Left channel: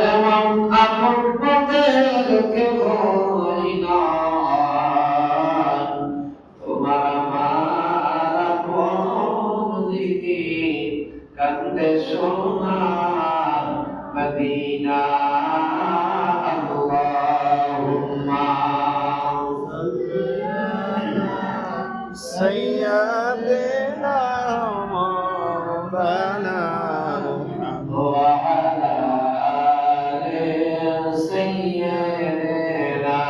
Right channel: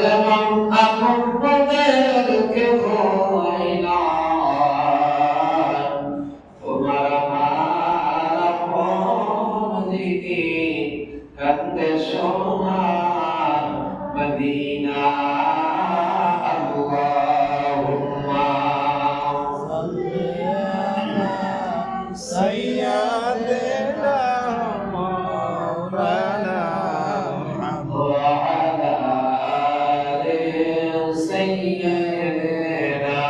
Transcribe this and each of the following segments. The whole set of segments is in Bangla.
যেমন আপনাদেরকে ভয় না, তোমার আমার আপন দিকে কান্দে সোনার মদিনা। আল্লাহুম্মা سيدنا مولانا محمد وعلى آل سيدنا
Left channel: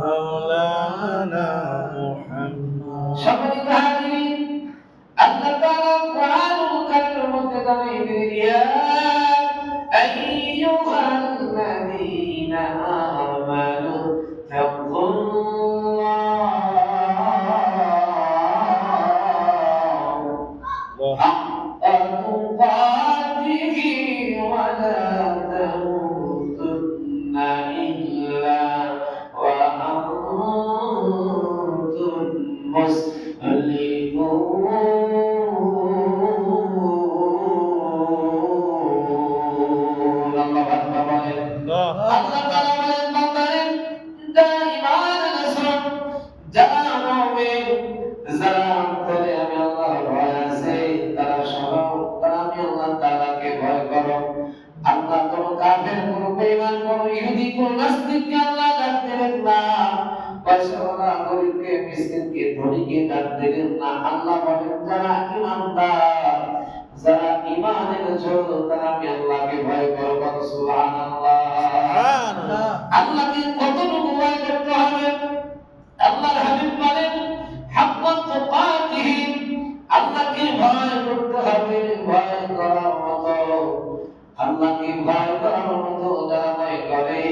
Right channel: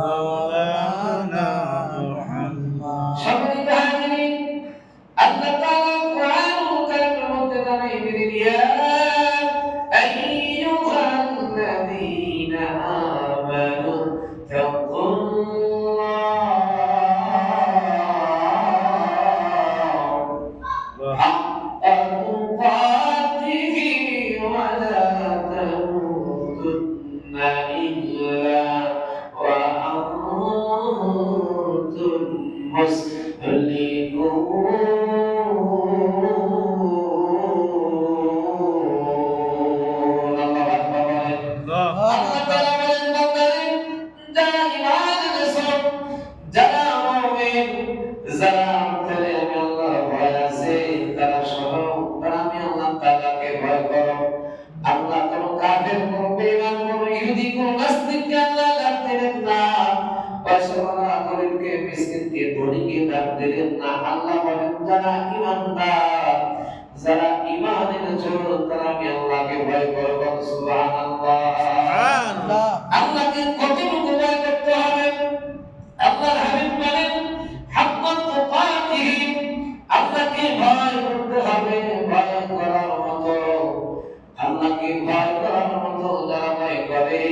مولانا محمد সম্মানিত হাজিরিন, আল্লাহ তাআলা কোরআনুল কারীমের মধ্যে জানিয়ে দিলেন, ইয়া আইয়ুহাল্লাযীনা আমানু তাকুল্লাহ حق تقاته ولا تموتن إلا وأنتم مسلمون. الله أكبر. الله আল্লাহ তাআলা বলেন, বান্দারে যারা ঈমান এনেছো, যারা মুমিন, যারা অন্তরে আমি আল্লাহর ভয় আছে, তারা শোনো, তারা আমি আল্লাহ তাআলাকে ভয় করো। আল্লাহ কোন কাফের, কোন বেঈমান, কোন ইহুদি, কোন নাস্তিককে আল্লাহ ডাক দিলেন না। পয়সাওয়ালা গরিবকে, মিসকিনকে, ধনীকে ডাক দিলেন না। আল্লাহ বলেন, যারা ঈমানদার, যারা ঈমান এনেছো, তারা আমি আল্লাহকে ভয় করো। সুবহানাল্লাহ। সুবহানাল্লাহ। আল্লাহকে কতটুকু ভয় করতে হবে? আল্লাহর হাবিব বলেন, হাক্কা তুকাতিহি, আল্লাহকে ভয় করতে হবে। ভয় করার মতো, আল্লাহকে ভয় করার মতো যারা ভয় করে,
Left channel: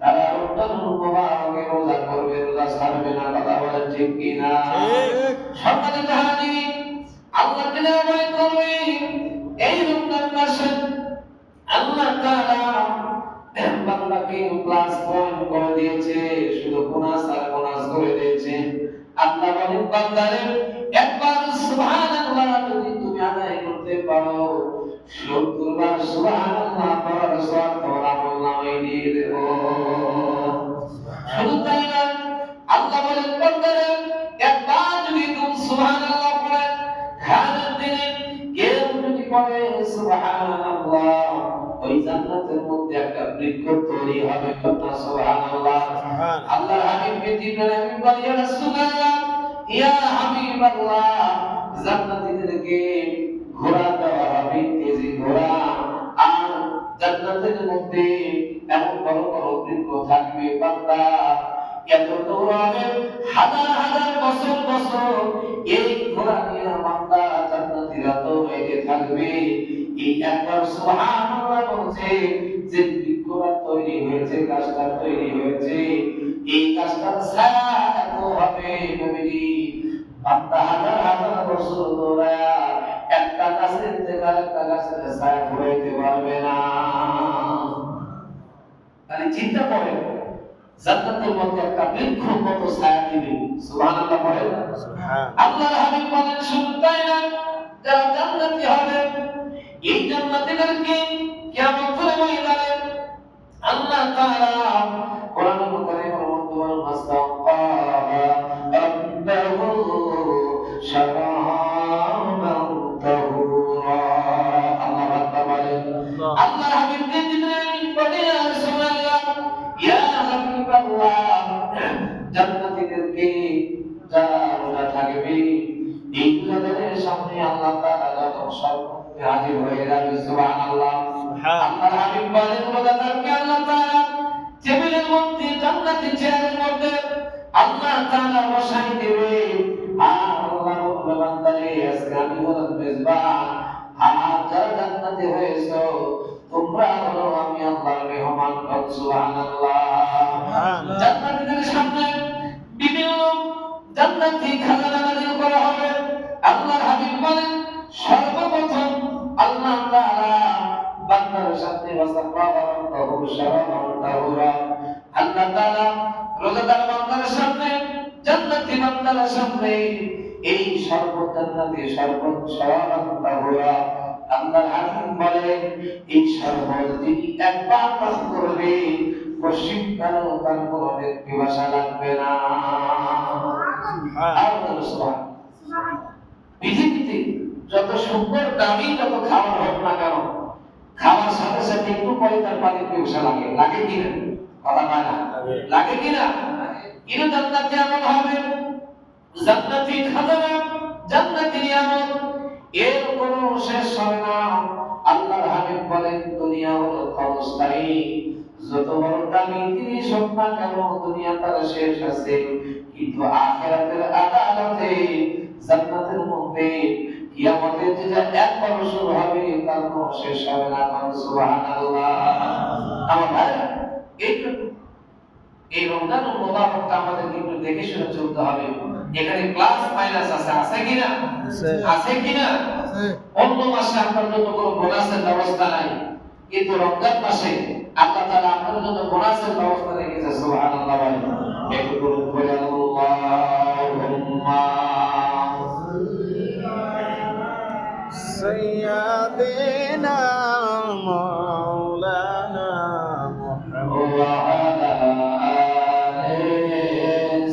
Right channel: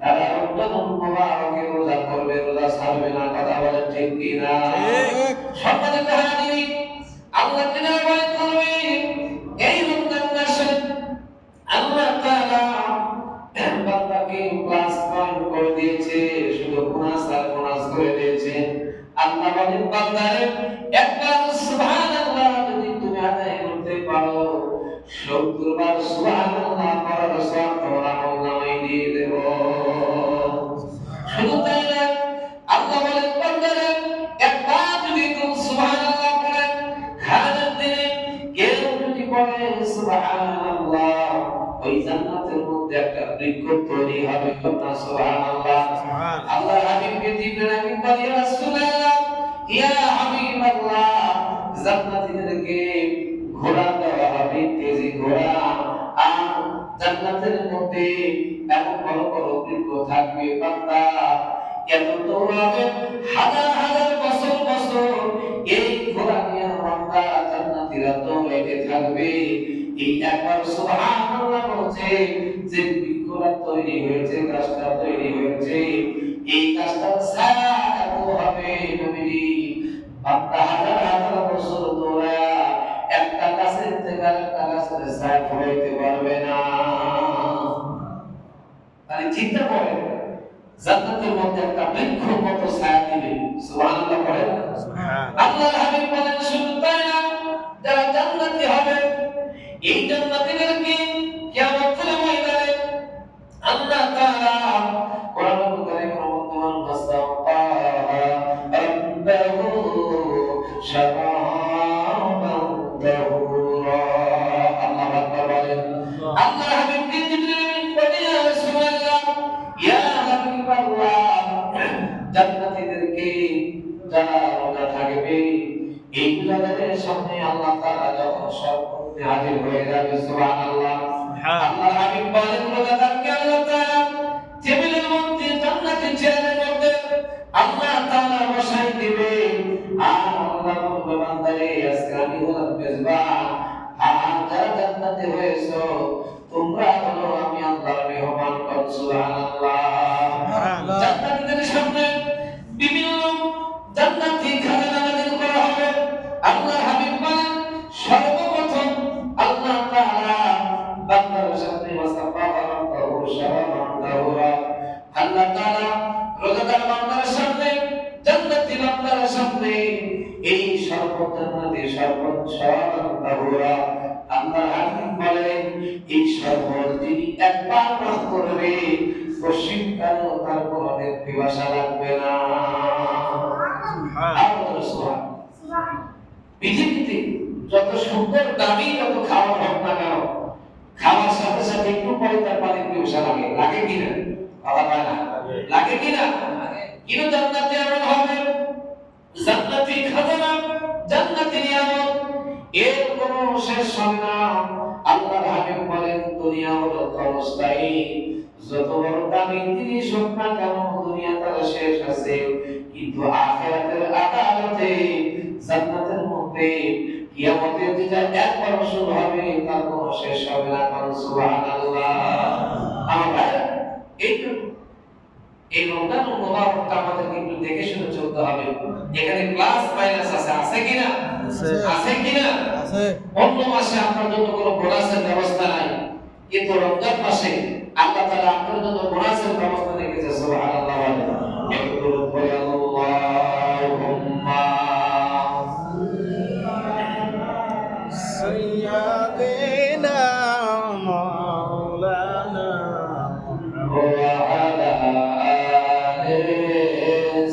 তারা রমজানুল মুবারকে রোজা করবে, রোজা ছাড়বে না। কথা বলেন ঠিক কি না? ঠিক। সম্মানিত হাজিরিন, আল্লাহকে যারা ভয় করবে, এই রমজান মাসে আল্লাহ তাআলা বান্দাকে প্লাস পয়েন্ট করে দিয়েছে, শুধু বোনাস আর বোনাস করে দিয়েছে। আল্লাহ বলেন, বান্দারে একবার সুবহানাল্লাহ যদি তুমি আদায় করতে পারো, ৭০ বার সুবহানাল্লাহ পড়ার সওয়াব তোমার আমলনামায় দিয়ে দেব। শুধু তাই না, আল্লাহ বলেন, বান্দারে একবার যদি তুমি সুবহানাল্লাহ পড়েন, হাজার দিনে কেউ যদি পড়ে সুবহানাল্লাহ, ওই জান্নাতের মধ্যে একটা বৃক্ষ তৈরি হবে। সুবহানাল্লাহ। আল্লাহ হাবিবকে জিবরাইল আমিন বলে, ইয়া রাসূলুল্লাহ, ইয়া হাবিবাল্লাহ, জান্নাতীদেরকে ঘোড়া দেওয়া হবে, তেজি ঘোড়া, আর জান্নাতের মধ্যে এমন বড় বড় বৃক্ষ থাকবে। বান্দা এত দৌড়াবে, হাজার হাজার বছর বছর এই ঘোড়া নিয়ে বান্দা জান্নাতীরা দৌড়াইতে থাকবে। এই একবার সুবহানাল্লাহ বলছে যে বৃক্ষটা তৈরি হয়েছে, গাছটা তৈরি হয়েছে, এই গাছটার ছায়া এত হবে নবীজি, বান্দা হাজার হাজার বছর দৌড়ায়া একটা গাছের থেকে আরেকটা গাছের ছায়া ফলাইতে পারবে না। তাহলে চিন্তা করেন, জান্নাতের মধ্যে একটা বৃক্ষ কত ছায়া দিবে। সুবহানাল্লাহ পড়েন। সুবহানাল্লাহ। আল্লাহর হাবিব বলেন, শুধু তাই না, যারা জান্নাতি হবে, এই জান্নাতীদেরকে কিয়ামতের ময়দানে আল্লাহ তাআলা কোরআনুল কারীমের মধ্যে বলেন, ফাস্তাগফারা রাব্বাহু শাফাআতান তাহুরা। আল্লাহ আকবার বলেন। আল্লাহর হাবিবকে জিবরাইল বলে, ইয়া রাসূলুল্লাহ, ইয়া হাবিবাল্লাহ, জান্নাতীদেরকে যারা রোজা থাকবে, এই রোজাদারের সামনে আল্লাহ তাআলা যখন সর্বমুখে হাজির হয়ে যাবে। সুবহানাল্লাহ। আল্লাহর হাবিব বলেন, রোজাদারকে আল্লাহ তাআলা টেবিলের মধ্যে, জান্নাতি চেয়ারের মধ্যে আল্লাহ তাআলা বসাই দিবে। আর আল্লাহ বলবে, বান্দারে আজকে আমি হলাম মেজবান, আর যারা জান্নাতি হয়েছো তোমরা হলো আমি আল্লাহর মেহমান। সুবহানাল্লাহ। জান্নাতীদের সামনে বিভিন্ন জান্নাতি খাজানা নাযিল করা হবে। আল্লাহর হাবিব বলেন, সর্বপ্রথম আল্লাহ তাআলা বান্দার সামনে ওয়াসাফাহু শারাফান তাহুরা, আল্লাহ তাআলা রোজাদার বান্দার সামনে, জান্নাতি বান্দার সামনে এই শরবত জান্নাতি শরবত শারাফান তাহুরা আল্লাহ হাকিম বলেন এই শরবত যিনি একবার পান করবে পশ্চিমকালেও তার কোনো পিপাসা লাগবে না। পৃথিবীতে যত সুন্দর দামি যত খাবার হোক না কেন, খাওয়ার সাথে সাথে একটু পরে তার পানির পিপাসা লাগে, লাগে কিনা? কথা পায় না, লাগে কিনা? কিন্তু জান্নাতে এমন হবে, জান্নাতি খাজানা, জান্নাতি নিয়ামত, এর কোনো শেষ হবে না। আল্লাহর হাবিব বলেন দুনিয়া হলো ক্ষণস্থায়ী, যত বড় দামি জিনিস হোক না কেন দুনিয়া তার শেষ আছে, কিন্তু আখিরাতের আদালতে জান্নাতের মধ্যে কিয়ামতের যে একবার শুরু হবে তার কোনো শেষ হবে না। সুবহানাল্লাহ। আমার ভাইরা, এই রমজান মোবারকটা আমাদের কিন্তু দেখে শুনে চলতে হবে। এখানে প্লাস মাইনাস আছে, আছে কিনা? আছে কিনা? অন্য মাসে আপনার জন্য কোনো বোনাসের ব্যবস্থা নাই, কিন্তু রমজান মাসে আল্লাহ তাআলা আপনার জন্য বোনাসের ব্যবস্থা রেখেছে। সুবহানাল্লাহ। একটু করে আল্লাহুম্মা سيدنا مولانا محمد ওয়া আলা আলি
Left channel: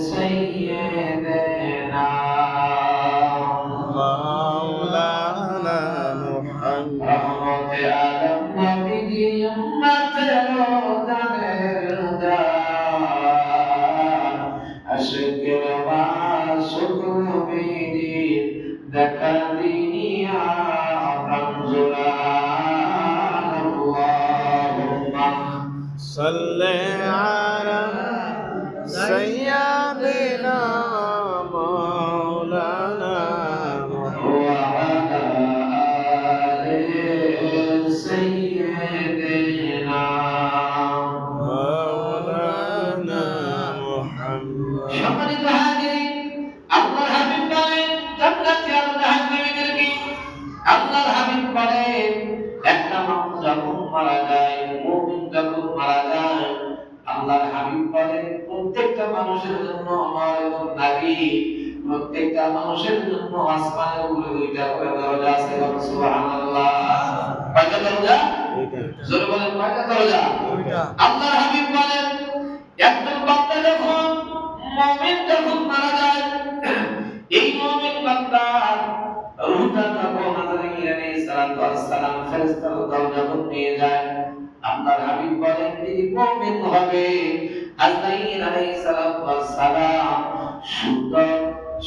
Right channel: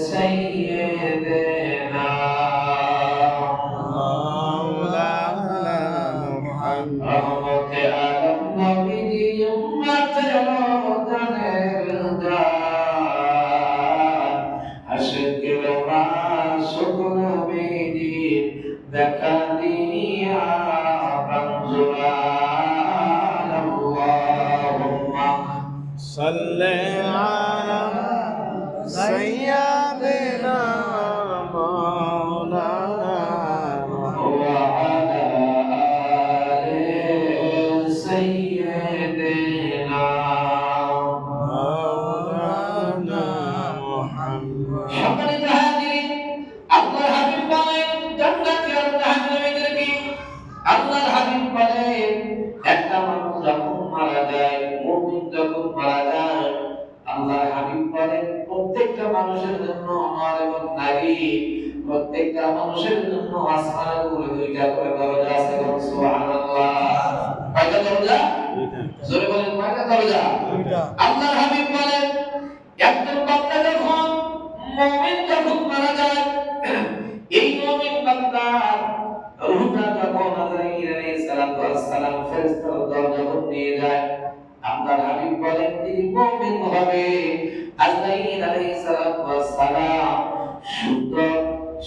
সাইয়্যিদিনা مولانا محمد রহমতে আলম নবী উম্মতের দানের দান আশিকের মাসুক নবীজি দেখা দিয়া রমজান আল্লাহুম্মা صل على سيدنا مولانا محمد وعلى آل سيدنا مولانا محمد সম্মানিত হাজিরিন, আল্লাহর হাবিব বলেন জান্নাতে আল্লাহ জাহান্নামীদেরকে, আল্লাহর হাবিব বলেন একটা মানুষ যখন মারা যায়, মুমিন যখন মারা যায়, আল্লাহর হাবিব বলেন প্রত্যেকটা মানুষের জন্য নর এবং নারী, প্রত্যেকটা মানুষের জন্য আসমানের উপরে দুইটা করে দরজা আছে। সুবহানাল্লাহ। কয়টা দরজা? জোরে বলেন, কয়টা দরজা? আল্লাহর হাবিব বলেন একজন বান্দা যখন, মুমিন যখন মারা যায়, এই মুমিন বান্দার রূহটা যখন আজরাইল আলাইহিস সালাতু ওয়াস সালাম ফেরেশতার দরজায় নিয়ে যায়, আল্লাহর হাবিব বলেন তিনি মুমিন হবে। আজরাইল আলাইহিস সালাতু ওয়াস সালাম সুন্দর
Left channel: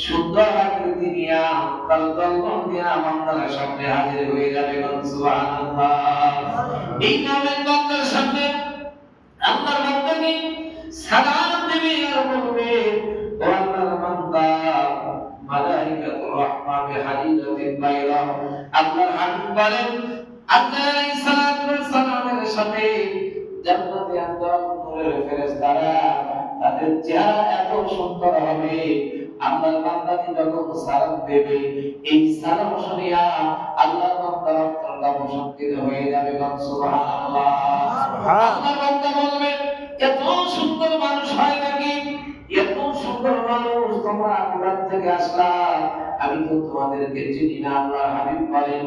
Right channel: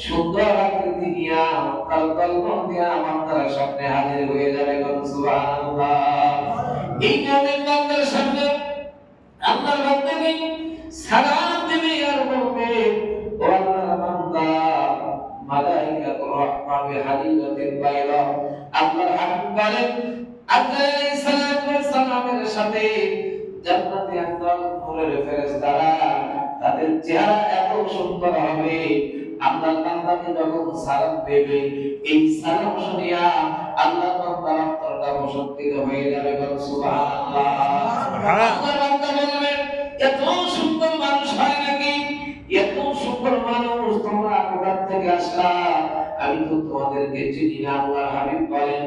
সুন্দর আকৃতি নিয়ে তার তলবন দিয়ে বান্দার সামনে হাজির হয়ে যাবে। সুবহানাল্লাহ। এই মুমিন বান্দার সামনে আল্লাহর বান্দাকে সালাম দেবে আর বলবে, ও আল্লাহর বান্দা, মালাইকাতুর রাহমান বিহাদিদাতিন বাইরা। আল্লাহর হাবিব বলেন আদম আলাইহিস সালাতু ওয়াস সালামের সাথে জান্নাতে একদল নূরের ফেরেশতারা, তাদের চেহারা এত সুন্দর হবে, আল্লাহর বান্দাকে যখন সালাম দেবে এই সালাম শুনিয়া আল্লাহর বান্দার অন্তরটা প্রশান্তিত হয়ে যাবে। সুবহানাল্লাহ। আল্লাহর বান্দা বলবে এত সুন্দর মানুষ হয় নাকি? এত সুন্দর মানুষ তোমরা কোথা থেকে আসলা? আমি তো তোমাদেরকে চিনি না। আল্লাহর হাবিব বলেন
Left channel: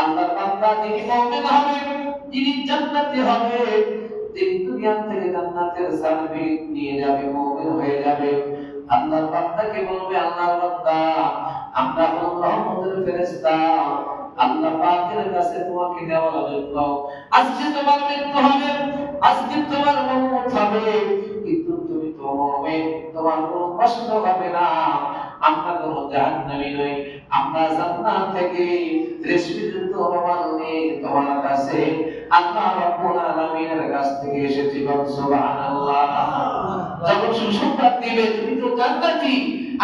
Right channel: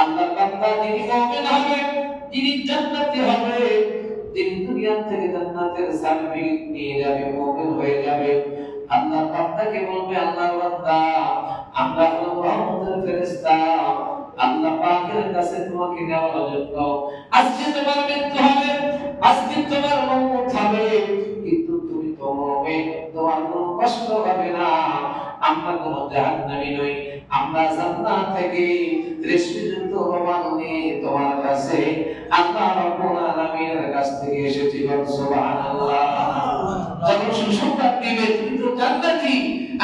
আল্লাহর বান্দা যিনি মুমিন হবে, যিনি জান্নাতি হবে, যিনি দুনিয়া থেকে জান্নাতের সার্টিফিকেট নিয়ে যাবে, মুমিন হয়ে যাবে, আল্লাহর বান্দাকে বলবে আল্লাহর বান্দা আমরা হলো রহমতের ফেরেশতা, আল্লাহ পাকের কাছে তোমাকে দেওয়ার জন্য আজকে তোমার মৃত্যু হবে, আজকে তোমার মওত হবে, কিন্তু তুমি তো মুমিন, তোমার কোনো কষ্ট হবে না, আমরা কোনো জাহান্নামী নই, আমরা জান্নাত থেকে রেশমিযুক্ত রোমাল নিয়ে তোমার কাছে আল্লাহ রাব্বুল আলামিনের কাছ থেকে এসেছি। সুবহানাল্লাহ। যখন সুসংবাদ দিবে তুমি তো জান্নাতি,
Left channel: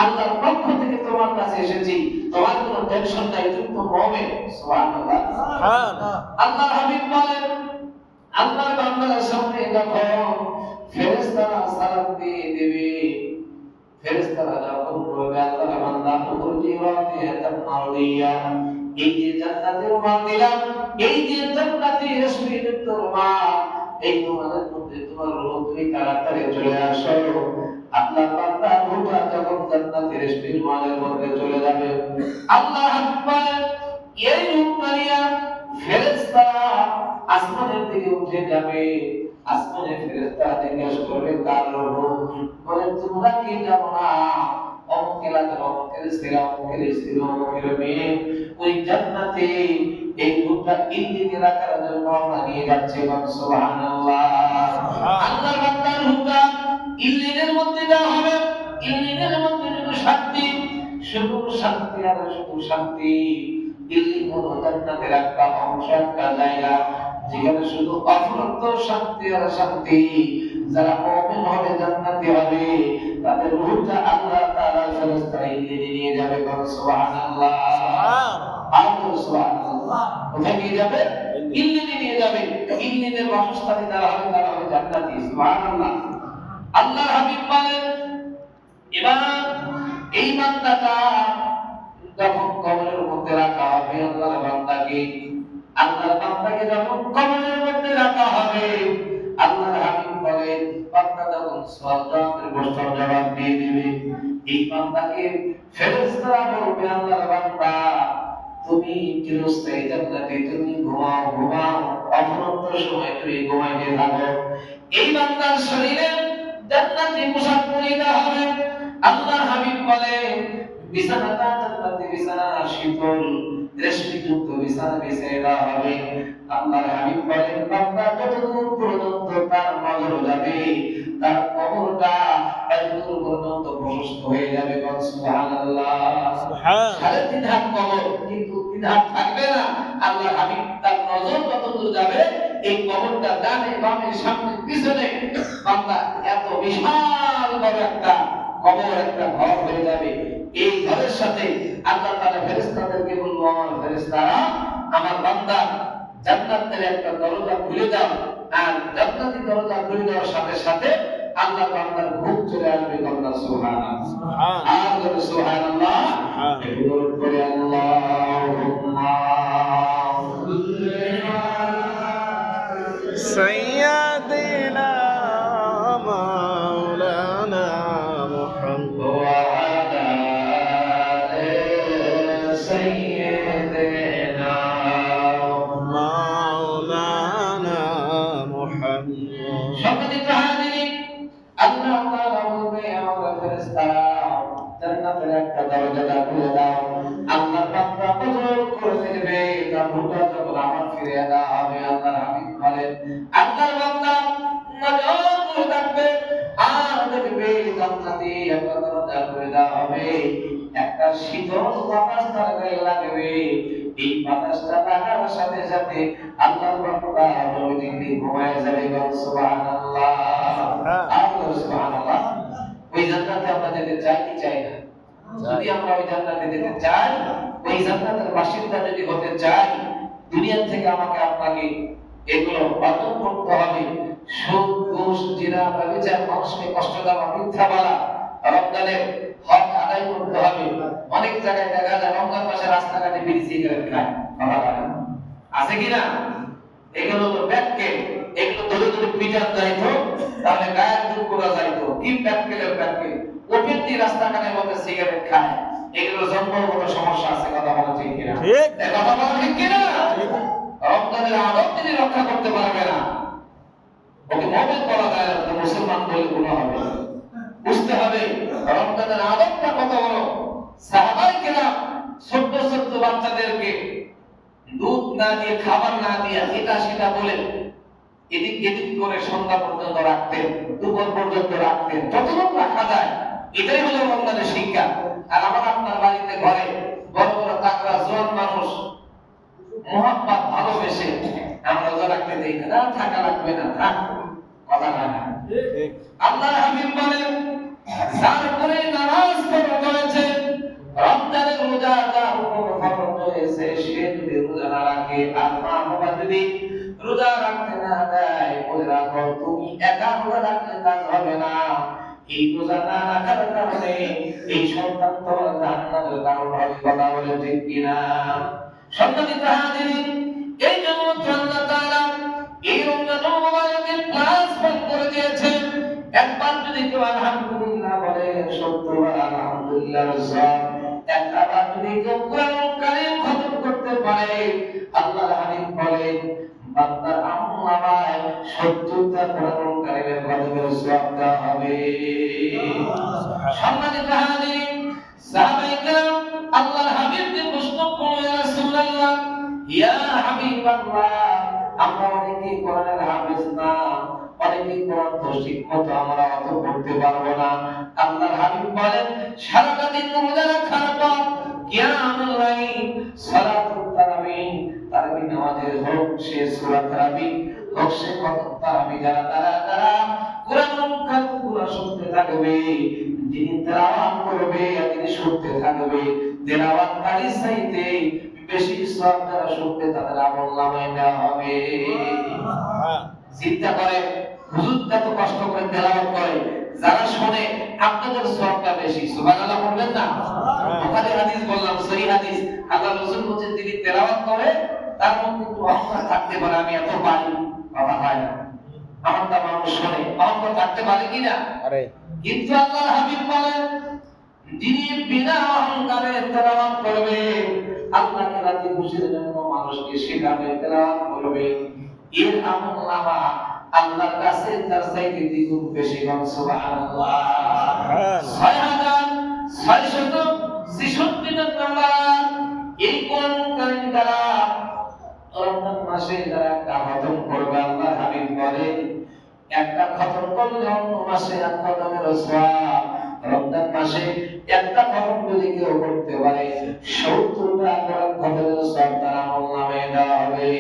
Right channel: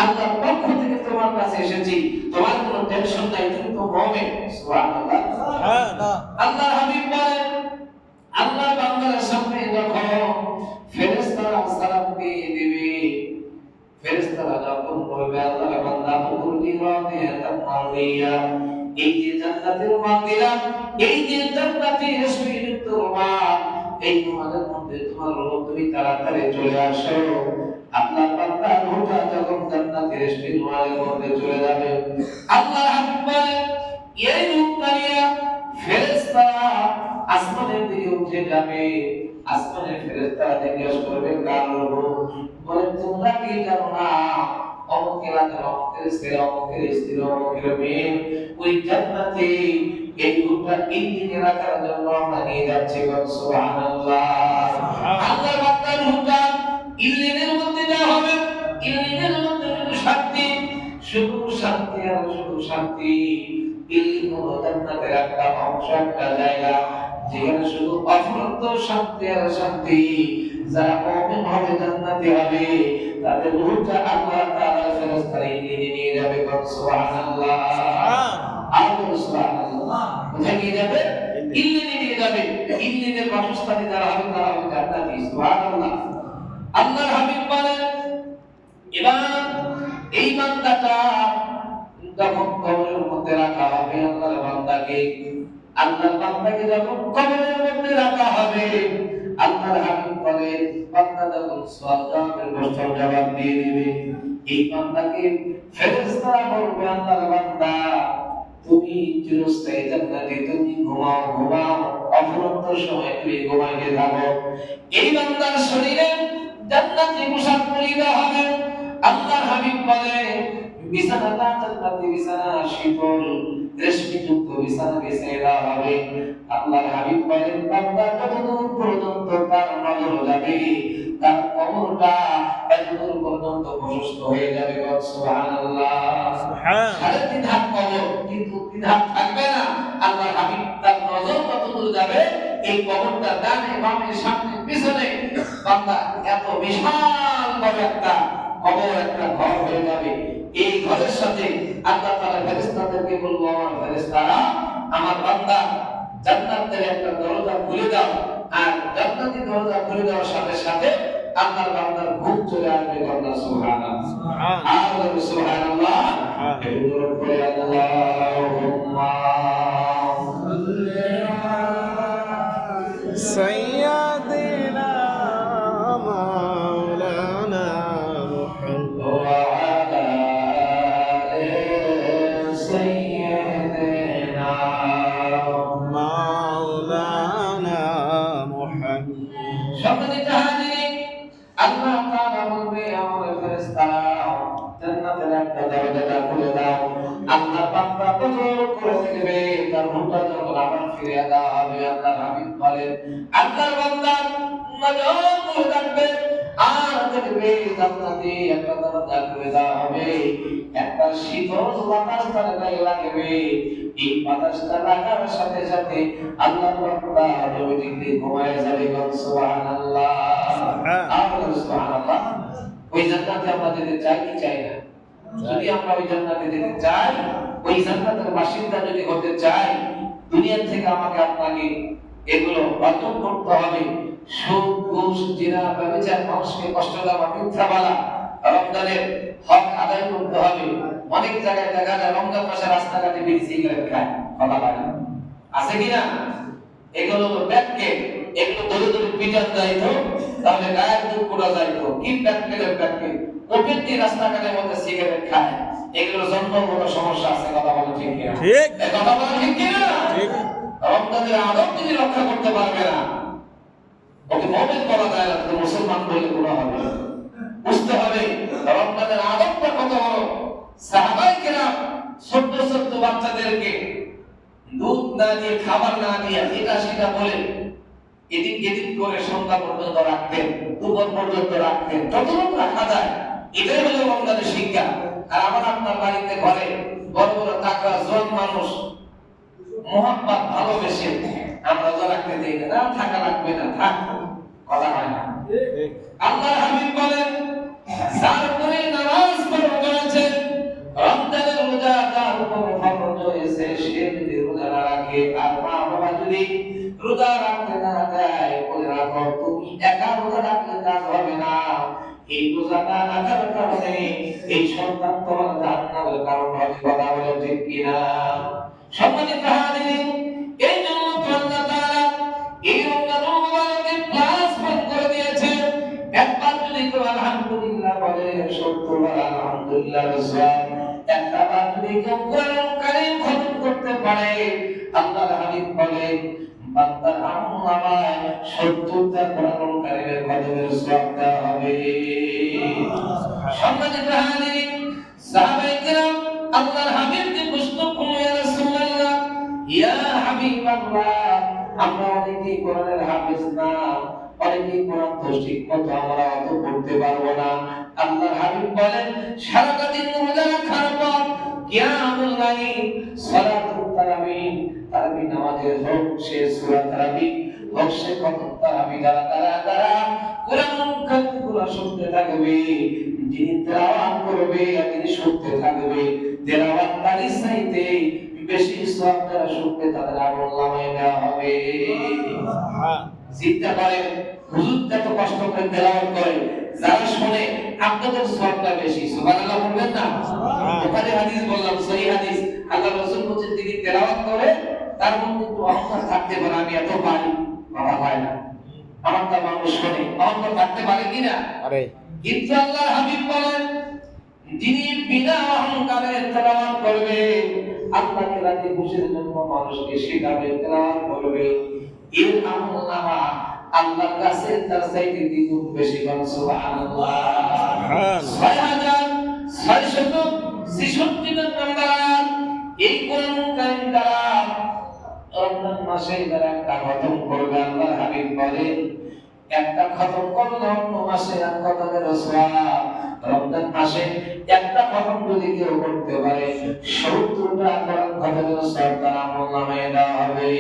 আল্লাহর পক্ষ থেকে তোমার কাছে এসেছি, তোমার কোনো টেনশন নাই, তুমি তো মুমিন। সুবহানাল্লাহ। আল্লাহর হাবিব বলেন আল্লাহর বান্দার সামনে যখন ফেরেশতারা সালাম দিয়ে দেবে, ফেরেশতারা যখন বলবে আল্লাহর বান্দা হুজুরি রাদিয়াতান মাউলিয়া, এই যে জান্নাতের রুমাল দিলাম, এই যে জান্নাতি রেশমিযুক্ত রুমাল, এই রুমালের মধ্যে তোমার রূহ, তুমি তাড়াতাড়ি চলে আসো। আল্লাহর বান্দা রূহটা যখন জান্নাতি রেশমি রুমালের মধ্যে চলে যাবে, আল্লাহ হাবিব বলেন এই রূহটা নিয়ে ফেরেশতারা আসমানের দিকে উঠে যাবে। আসমানের ফেরেশতারা জিজ্ঞেস করবে কার রূহ? বলে তোমরা কি জানো না অমুক এলাকার অমুকের স্ত্রী, অমুকের স্ত্রী, অমুকের মেয়ে ওই জান্নাতে এই রূহটা ইল্লিন এলাকার জন্য আমরা নিয়ে যাচ্ছি। সুবহানাল্লাহ। আল্লাহর বান্দার রূহটা ইল্লিনের মধ্যে দেওয়া হবে। ইল্লিনের মধ্যে শুধু শান্তি আর শুধু শান্তি। ইল্লিন হলো জান্নাতের একটা অংশ, একটা জায়গা যেখানে শুধু অফুরন্ত শান্তি আর শান্তি। যারা মুমিন হবে, জান্নাতি হবে, তাদের রূহটা আল্লাহ তাআলা ফেরেশতারা ইল্লিনে নিয়ে যাবে। সুবহানাল্লাহ। সুবহানাল্লাহ। কোথায় নিয়ে যাবে? ইল্লিনে নিয়ে যাবে। ইল্লিনের বাসস্থানে যারা হবে তারা হবে জান্নাতি। সুবহানাল্লাহ। আল্লাহর হাবিব বলেন, এবার এই বান্দাটা যখন কবরের মধ্যে রাখা হবে, আল্লাহর বান্দাকে যখন কবরের মধ্যে রাখা হবে, আল্লাহর হাবিব বলেন বান্দা যখন সওয়ালের প্রশ্নের জবাব দিয়ে দিবে, এই বান্দাকে ফেরেশতারা বলবে আল্লাহর বান্দা তুমি চিরস্থায়ী জান্নাতে, তুমি ঘুমাও অফুরন্ত সময় তুমি ঘুমাইতে থাকো। এই বান্দার শরীরে জান্নাতি পোশাক পরিয়ে হবে। আল্লাহর হাবিব বলে বিছানাটা জান্নাতি বিছানা, শীতল রেশমিযুক্ত বিছানা বিছিয়ে দেওয়া হবে। আল্লাহর হাবিব বলেন বান্দা যতদূর পর্যন্ত তার নজর যাবে, তার কবরটা এতদূর পর্যন্ত প্রশস্ত হয়ে যাবে। সুবহানাল্লাহ। সাড়ে 3 হাত কবর, কিন্তু 3 হাত থাকবে না। আল্লাহর হাবিব তার নজর যতদূর যাবে এই কবরটা ডানে বামে সামনে পিছনে বান্দা এত বিশাল বড় একটা কবর, একটা ঘর হয়ে যাবে। এই ঘরের সাথে আল্লাহ তাআলা ফেরেশতাদেরকে বলবো আমার ফেরেশতারা আমার বান্দা জান্নাতের একটা দরজা খুলে দাও। আর জান্নাতি দরজা খুলে দেওয়ার সাথে সাথে আল্লাহর বান্দার ঘুম চলে আসবে। আল্লাহ সুবহানাল্লাহ। সুবহানাল্লাহ। একটু দরুদ পড়ে আল্লাহুম্মা سيدنا مولانا محمد وعلى آل سيدنا مولانا محمد সম্মানিত হাজিরিন, আল্লাহ তাআলা বলবে আমার ফেরেশতারা জান্নাতের একটা দরজা খুলে দাও। আল্লাহ বান্দা নজর করে দেখবে তার রূহটা যখন আমার ফিরে দেওয়া হবে। আল্লাহর হাবিব বলেন আল্লাহর বান্দা নজর করে দেখবে আর দেখবে জান্নাতে একটা দরজা খুলে দেওয়া হবে। একটা শীতল বাতাস তার গায়ে লাগবে। এই বাতাসটা লাগার সাথে সাথে আল্লাহর বান্দা অটোমেটিক্যালি ঘুমায় যাবে। সুবহানাল্লাহ। সুবহানাল্লাহ। ওই জান্নাতে আমরা যেতে চাই কি চাই না? যদি আমরা ওই জান্নাতে যেতে চাই, ওই জান্নাতের বাসিন্দা যদি হতে চাই, দুনিয়া থেকে আমাকে আপনাকে এগুলো অর্জন করতে হবে। সুদ, ঘুষ, জিনা, ব্যভিচার, মানুষকে কষ্ট দেওয়া, মিথ্যা বলা, রমজানের হক আদায় করতে হবে। অনেক জায়গায় দেখা যায় রমজান মাসে রাস্তাঘাটে বিড়ি সিগারেট খায়, কথা লাগে আছে কিনা? এগুলো তো ব্যাককে, এগুলো ধরে ধরে পিটান যাইতো, তাহলে গায়ের দুধ করা যাইতো। কি ব্যাককেলের ব্যাককে ওপেন দিয়ে রাস্তাঘাটের মধ্যে সিগারেট খায়, এগুলো জন্মগত সমস্যা আছে। কথা বলা ঠিক কিনা? ঠিক। কথা বলা ঠিক কিনা? ঠিক। রমজানের আদব তিনি রক্ষা করতে পারবে না, ওকে মুমিন বলা যায় না, মুসলমান বলে গুনাহ হবে। বুঝতে হবে রমজানের আদবটা কত বড়। সাহাবায়ে কেরাম ছোট ছোট বাচ্চাদেরকে দুধ না দিয়ে, খাবার না দিয়ে, এটা সেটা বলে এদিক এদিক করে সন্ধ্যা পর্যন্ত রাখতেন, দুপুর পর্যন্ত রাখতেন, যতটুকু রাখা যায়। এটাই হলো রমজানের শিক্ষা। আর আমার আপনার বাড়িতে ঘরে বড় বড় তাকওয়া জোয়ান মানুষ মোহাব্বত ভালোবেসে আমরা রোজা রাখতে দেই না, থাকা লাগবে না, থাক, কথা হয় না। আল্লাহর হাবিব বলেন যার উপরে নামাজ ফরজ হয়েছে, রমজানের রোজা যার উপর ফরজ হয়েছে, সে যদি রোজা না রাখে আর মা বাবা যদি রোজা রাখতে না দেয়, বলে রাখো তুমি একা রোজা রাখলে কাজ হবে না। এই রোজা না রাখার কারণে এই সন্তান তোমার জান্নাতের কারণ হবে। কথা বলে ঠিক কিনা? সম্মানিত হাজিরিন, এই জন্য আল্লাহ তাআলা এই রমজান মুবারকে প্লাস বন্ধ করে দিয়েছেন। একবার যদি কেউ আলহামদুলিল্লাহ বলে, 70 বার আলহামদুলিল্লাহ, একটা বার যদি কেউ কোরআন কারীম খতম করতে পারে, আল্লাহর হাবিব বলেন বান্দার আমলনামায় 70টা কোরআনকারীদের কদমের সওয়াব দেওয়া হবে। সম্মানিত হাজিরিন, সাহাবায়ে কেরাম আল্লাহর হাবিবকে প্রশ্ন করলেন, ইয়া রাসূলুল্লাহ, ইয়া হাবিবাল্লাহ, আমরা অনেকেই কোরআনের হাফেজ না, অনেকেই কোরআন তো ঠিকমতো আমরা অত পড়তে পারবো না। আল্লাহর হাবিব বলেন সারাটা দিন রোজা রাখার পর কিয়ামুল লাইল, সালাতুত তারাবিহ, তারাবিহ নামাজের হোক সে সূরা তারাবিহ হোক সে খতম তারাবিহ দ্বারা কোরআন শুনতে থাকবে, যিনি তেলাওয়াত করবে আর যিনি শুনতে থাকবে, তেলাওয়াতকারীর চাইতে বেশি সওয়াব যারা শুনবে তাদের আমলনামায় দেওয়া হবে। চিন্তা করেন, হুজুর এত কষ্ট করে তেলাওয়াত করে, যারা শুনে আপনাদের সওয়াবটা বেশি। সুবহানাল্লাহ বলবেন না? বুখারী হাদিস বললাম, সহিহ হাদিস। আল্লাহ রাসূল বলেন যিনি তেলাওয়াত করে তার মধ্যে একটু অহংকার থাকতে পারে, আমি এত পারি, কথা হয় না, আমারটা মানুষ শুনে, অহংকার থাকতে পারে কিনা? কিন্তু আল্লাহর হাবিব বলেন যিনি বিনা অহংকারে তেলাওয়াত করবে, আল্লাহকে রাজি খুশির জন্য মানুষকে শেখাবে, তেলাওয়াত করবে, এর আমলনামা আল্লাহর কাছে তার চাইতে দ্বিগুণ বেশি। সুবহানাল্লাহ। 6666 নম্বর এই কোরআন কারীম দ্বারা রমজান মাসে যারা একটা খতম করবে, আল্লাহর হাবিব বলেন একটা খতম করলে অন্য মাসে এক খতমের সওয়াব, রমজান মাসে একটা খতম যদি কেউ করতে পারে 70টা কোরআন খতমের সওয়াব তার আমলনামায় দেওয়া হবে।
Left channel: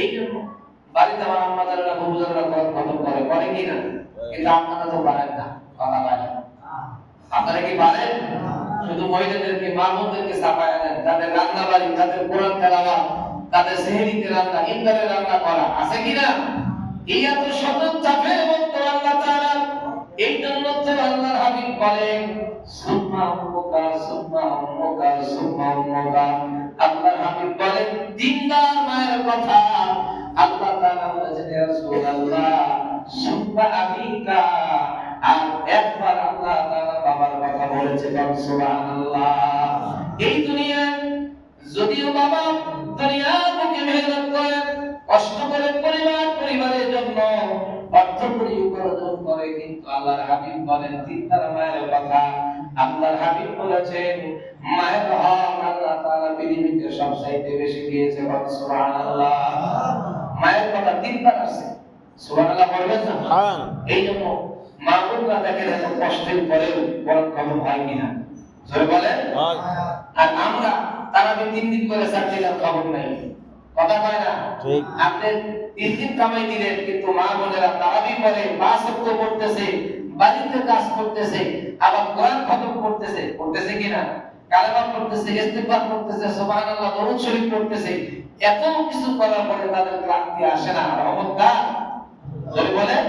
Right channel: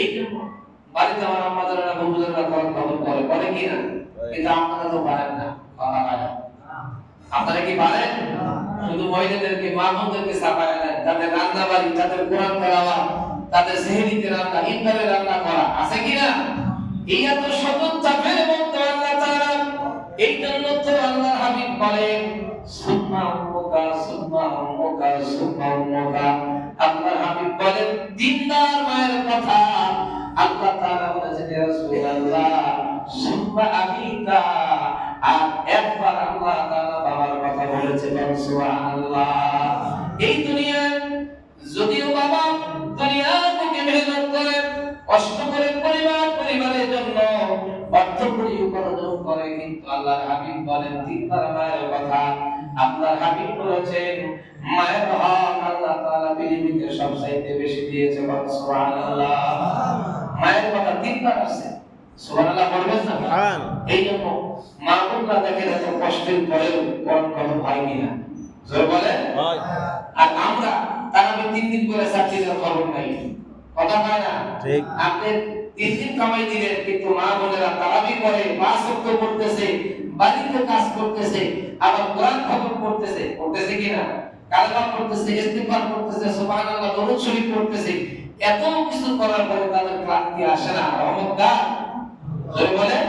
এই জন্য বাড়িতে আমার আম্মাজানেরা বুজুর্গরা কোরআন খতম করে কি না? কিন্তু আপনারা তো পারেন না, কথা হয় না। আপনারা কি পারেন? শুধু মহিলাদেরকে, মা বোনদেরকে চাপায় আনেন, তাদের রান্না বাড়ি, তাদের কোরআন তেলাওয়াত, তাদের সেহরিতে রান্না, ইফতারে রান্না করা আছে কিনা? এই এত শত চাপের মধ্যে আল্লাহ তাআলা, এই জন্য তো আল্লাহর হাবিব বলেন সুম্মা উম্মুকা সুম্মা উম্মুকা সুম্মা উম্মুকা। আল্লাহর হাবিব বলেন দিনদার মায়ের কথা আল্লাহ তাআলা বলেছেন ইয়া রাসূলুল্লাহ সুম্মা আবিকা, আর একবার আল্লাহ তাআলা বাবার কথা বলেছেন। সুবহানাল্লাহ। এই দুনিয়ায় যদিও বাবা দুনিয়া থেকে মেহনত করে, কষ্ট করে পরিবারের জন্য অর্থ করি উপার্জন করে, কিন্তু আল্লাহর হাবিব বলেন দিনদার মায়ের কথা। আল্লাহর হাবিব বলেছেন মায়ের হক আল্লাহ তাআলা পৃথিবীতে সবচাইতে বেশি দিয়েছে। সুবহানাল্লাহ। মায়ের কথা দিনদার আছে। সুবহানাল্লাহ বলবেন না? এই জন্য মা বোনরা দেখেন এত কষ্টের পরেও কোরআন খতম হয় কিনা, জোরে বলেন। আর আমরা তারা 3 দিন করে চাকরির খবর নাই, কথা কয় না? ঠিক। আপনি 3 দিন কামাই দিলেন, কিন্তু মা বোনেরা তারাবি করে, 5 ওয়াক্ত পড়তেছে, বাড়িতে কাজ করতেছে, আবার কোরআন খতম করতেছে কিনা, কালেমা পড়তেছে, ইস্তিগফার করতেছে, সুবহানাল্লাহ, দরুদ শরীফ পড়তেছে, এত কিছু করার পরে তাদের ক্লান্তি আসে না? রহমত কার? জোরে বলেন।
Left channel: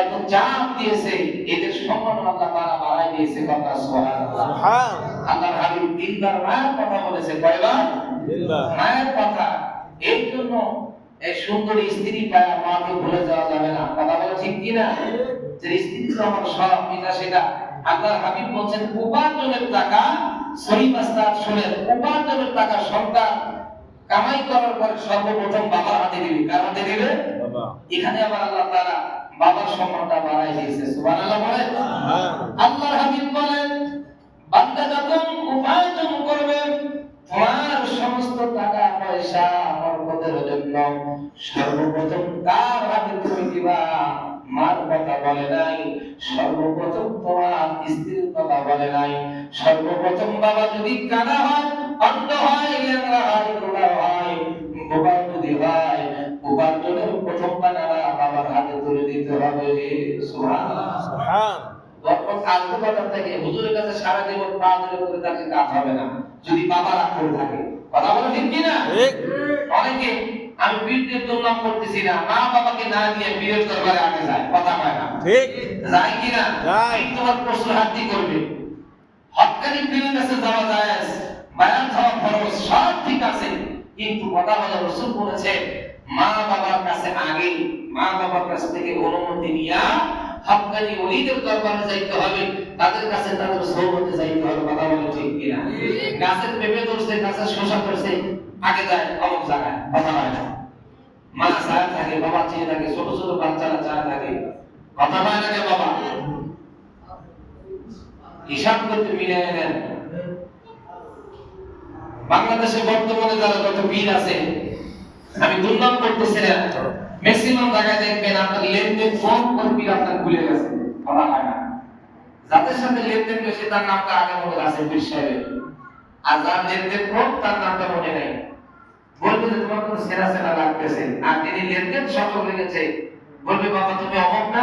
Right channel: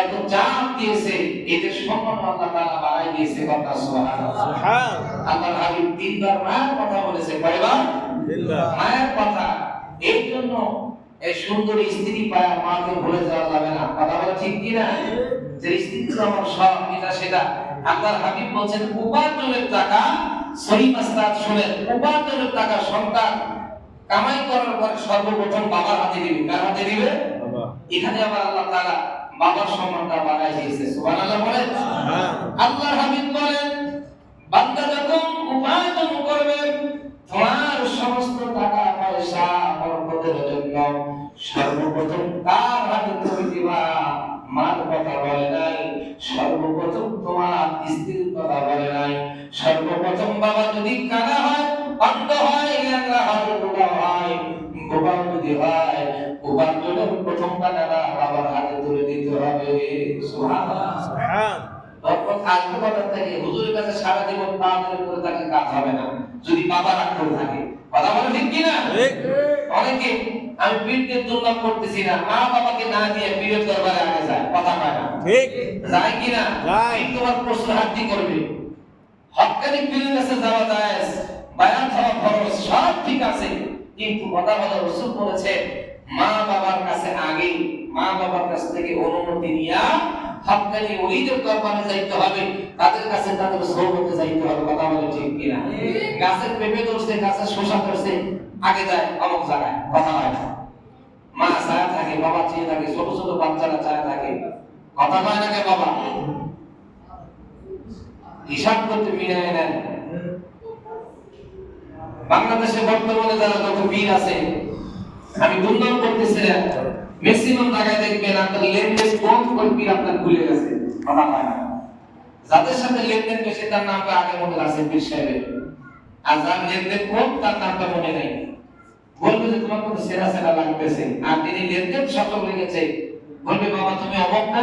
এত চাপ দিয়েছে, এদের সম্মান আল্লাহ তাআলা বাড়াই দিয়েছে। কথা সুবহানাল্লাহ। আল্লাহর হাবিব তিনবার মায়ের কথা বলেছে। কয়বার? তিনবার মায়ের কথা। এই জন্য এই সুন্দর স্ত্রী পায় মাকে ভুলে যাওয়া যাবে না। কথা বলে ঠিক কি না? যে স্ত্রী তো আমার সব, এটা সেটা। আল্লাহর হাবিব বলেন উপার্জনের টাকা, সহিহ মাসলাক শুনেন, উপার্জনের টাকা সন্তান কামাই করার পর সর্বপ্রথম বাবার হাতে দিবে। কার হাতে দিবে? বাবা। এখানে আবার আল্লাহ তাআলা বাবার সম্মানটা বাড়াই দিয়েছে। সুবহানাল্লাহ বলেন। আল্লাহর হাবিব বলেন বান্দা যখন উপার্জন করবে তোমার সমস্ত টাকা পয়সা বরকতের জন্য সর্বপ্রথম কার হাতে তুমি দিবা? মার কথা বলে নাই, সর্বপ্রথম তোমার স্ত্রীর কথা বলে নাই। সর্বপ্রথম বাবা যদি কানা হয়, অন্ধ হয়, ল্যাংড়া হয়, বুড়া হয়, গোপাল যদি হয়, উপার্জনের প্রথম টাকাটা বাবার হাতে তুলে দিতে হবে। সুবহানাল্লাহ। তখন আসবে কথা থেকে হুজুরের কাছে সারা জীবন পা ধরে করে তাকে কাজ হবে না, যদি বাবা রাগ করে থাকে। কথা বলে ঠিক কি না? অনেকে আমি পীরদের দুর্নাম করতেছি না, মা বাবাকে না দিয়ে পীরের দরবারে আগে যায়। কথা কয় না? ঠিক যায় কি না? যায়। তোমার প্রশ্ন হাতি করবে, হক্কানি পীরের কাছে যাওয়া যায়, বায়ান খাওয়া খরচ সব ঠিক আছে, কিন্তু কথা বলা রাসূল বলেছে মা বাবার কাছে আগে মা বাবার কাছ থেকে অনুমতি নিয়া হক্কানি ওলিদের দরবারে যাইতে হবে, তাদের কাছে তাদের সোহবতে যাইতে হবে। কথা বলে ঠিক কিনা? গাছের পেঁপে ধরছে, গাছের শসা ধরছে, আগে যায় অমুক জায়গায়, কথা হয় না। মা চায় থাকে, বাবা চেয়ে থাকে, ছোট ছোট বাচ্চারা চায় থাকে, কথা হয় না কে বাবা? হিসাব করতে মিলিয়ে নেন। বাংলাদেশে বর্তমানে যারা যত পীর আছে, আমি দুর্নাম করতেছি না, ম্যাক্সিমাম জায়গায় দেখবেন আপনার লেনদেন কম করে পীর আপনার ভুলে গেছে, কথা হয় না। যাদের সাথে লেনদেন বেশি তার নামটা আগে মনে আছে পীর সাহেবের, আর যার লেনদেন কম তার নামটা মনে নাই। বলবে যে তোমার কোনো সেরা সেরা লাগতেছে, আর তিনি লেনদেন সচল লেগেছে, বলবে বাবা তুমি অমুক না,